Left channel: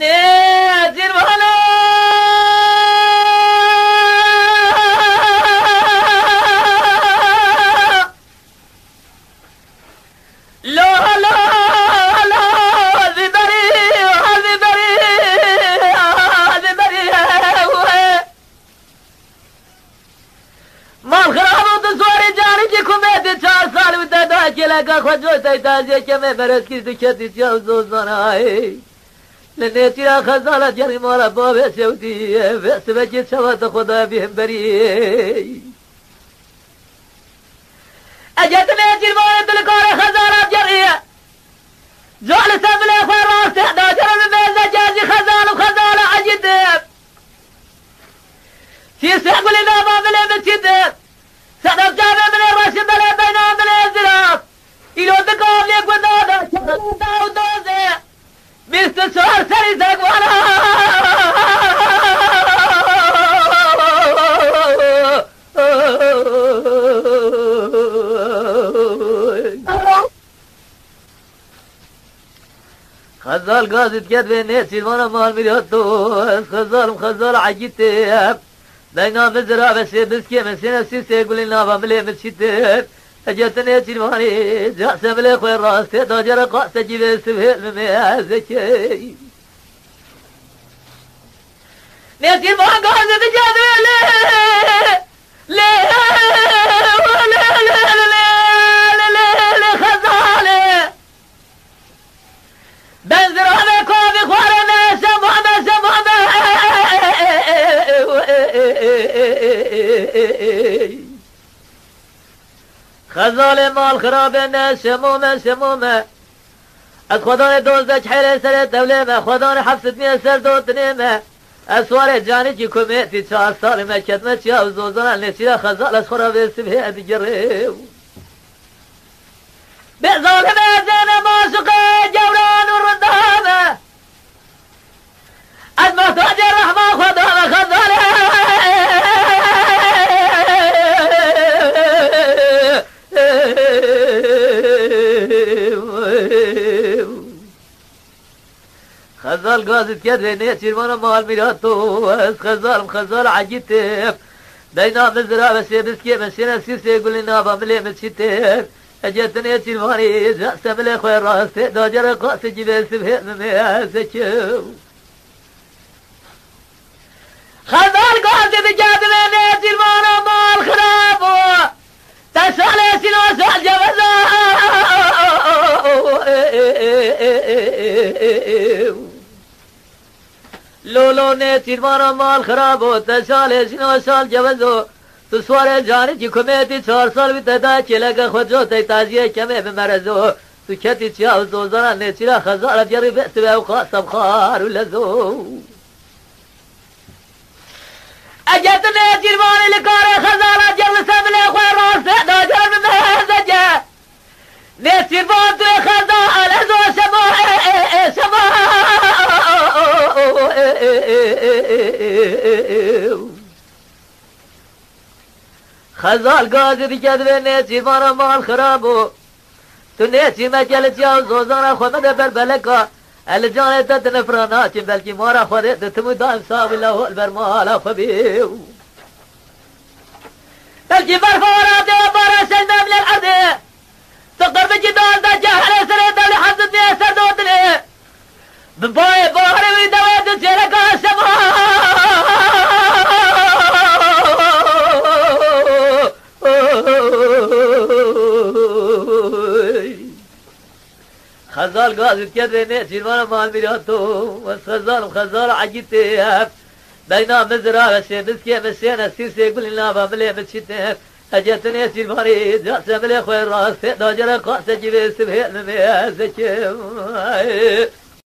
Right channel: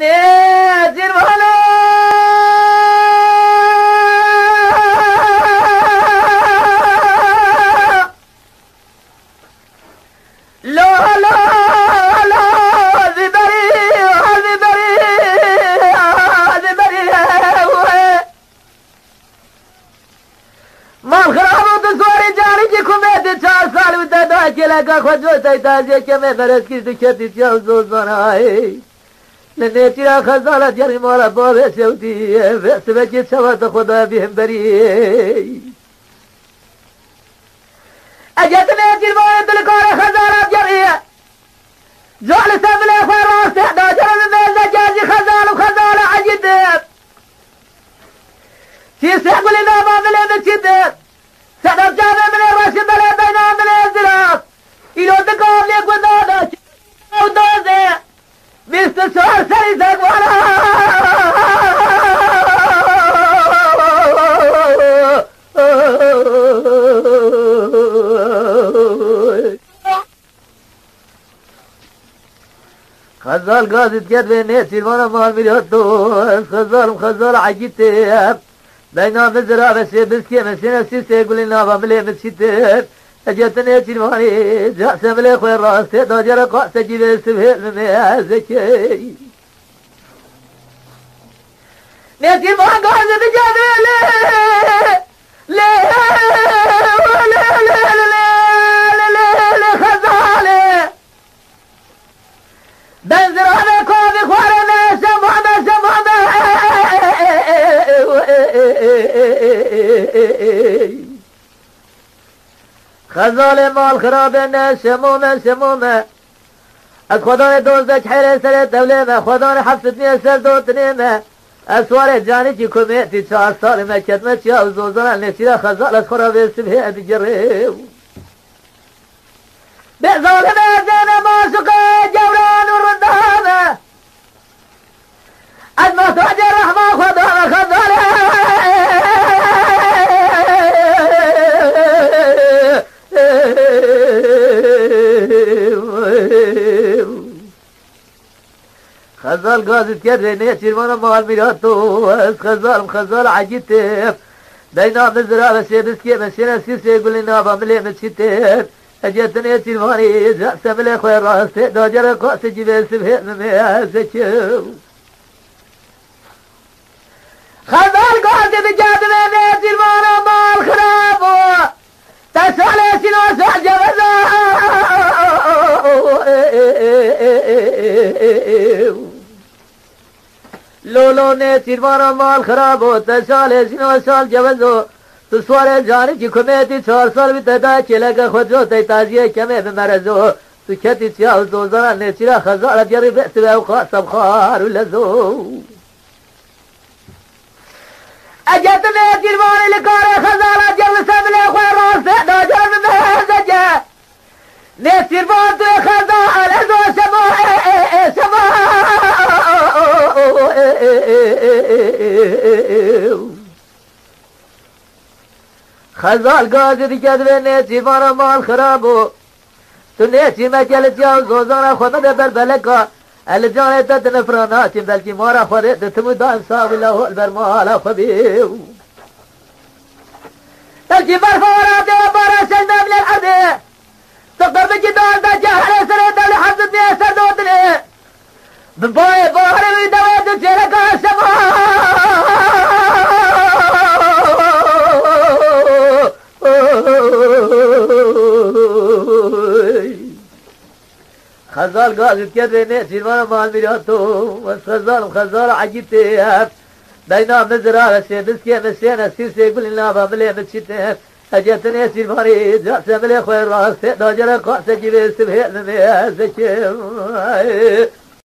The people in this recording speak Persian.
نادر ولا لا لا لا زبري زبري زبري ما خرابو تصوري جاني جي كوميدي 4 سال ودا كي لگا خجو تاجي كي मैं बरस की दुखती जाऊं زناي لنيتي خزالة جري مالا بابي سودي بس بجي سوات خدا بهم بري اجت نيتي مالا تلقاري خزالة جري زول سبلي فراس تحدى جرم ميزة جازي خزالة وخزالة عجد في سيقبلي نابا ملي بسيد سدف جامع من الرشد ملي بينا من الزراف إلو تقام ليك ودادا شرطا ودازي مستر سوار سيزاق وانا خزال قاصد كدبي نيتي وانا مال مليوتو خزال عجيتي بينا مزرعة بس بسكي مسينا سيسي يقول لنا بملي مسيتين اجتني تلواني جاسم لي خوي راسي داجر قاس جيب سبيل ميازكي نيتي ما قاعد بجادي لي ولا خزالي بنزرعنا كوفي خوارنا سمعنا خزالي مال خرابنا سمومه خداني دوزدك حيلي سر الدولة خداني حفظت مية سر دوت نيمه اسوار جاني جي كوميتي 4 سال ما كتمت يا وزوزنا نسيرا خزالة خرابي سبه ادجريو بزال مازينا ماسوكا جوران وردامه أجمع تاج الرحمة خزالة خزال قاصد كده نيتي وانا مال ميراتو خزال عجيتي بينا مزرعة بس بسكي مسينا سيسي يقول لنا بملي مسيتين اجت نيتي واني جاسم لي خوي راسي داجر قاس جيب سبه ميازكي خزال قاصد جده نيتي وانا مال خرابو تسالي سنو سال جوزا لولو نيتي وانا مال خرابو تسالي سنو سال جوزو تسوار جاني جي كوميتي 4 سال بتدا چلگا خجو تازيه كمه بمرزو تو كتي تياو زوزنا نيتي خزال جري بس وقاسم خار ولزو اجت نيتي ماني لكار خزال جل سبل خوي راس داجر من هزجه نيتي بانت خزال زو سما خزال قاصد كدبي نيتي مانا مال خرابو تو نيتي ما كلت يا زوزانا خمد بربلكا الجاني تتنفرانات بلكي مارا خوريت تمو دائم صاب له البرمال خبيو بلكي برفورات برا سلم للأرض تقدر بجدان دا جهر سريد لحظة يسر دوتني بباي بحر ويدوات شركا السماء خزال قاصد كده نيتي وانا مال ميراتو خزال عجيتي بينا مزرعة بس بسكي مسينا سيسي يقول لنا بملي مسيتين اجت نيتي واني جاسم لي خوي راسي داجر قاس جيب سبه ميازكي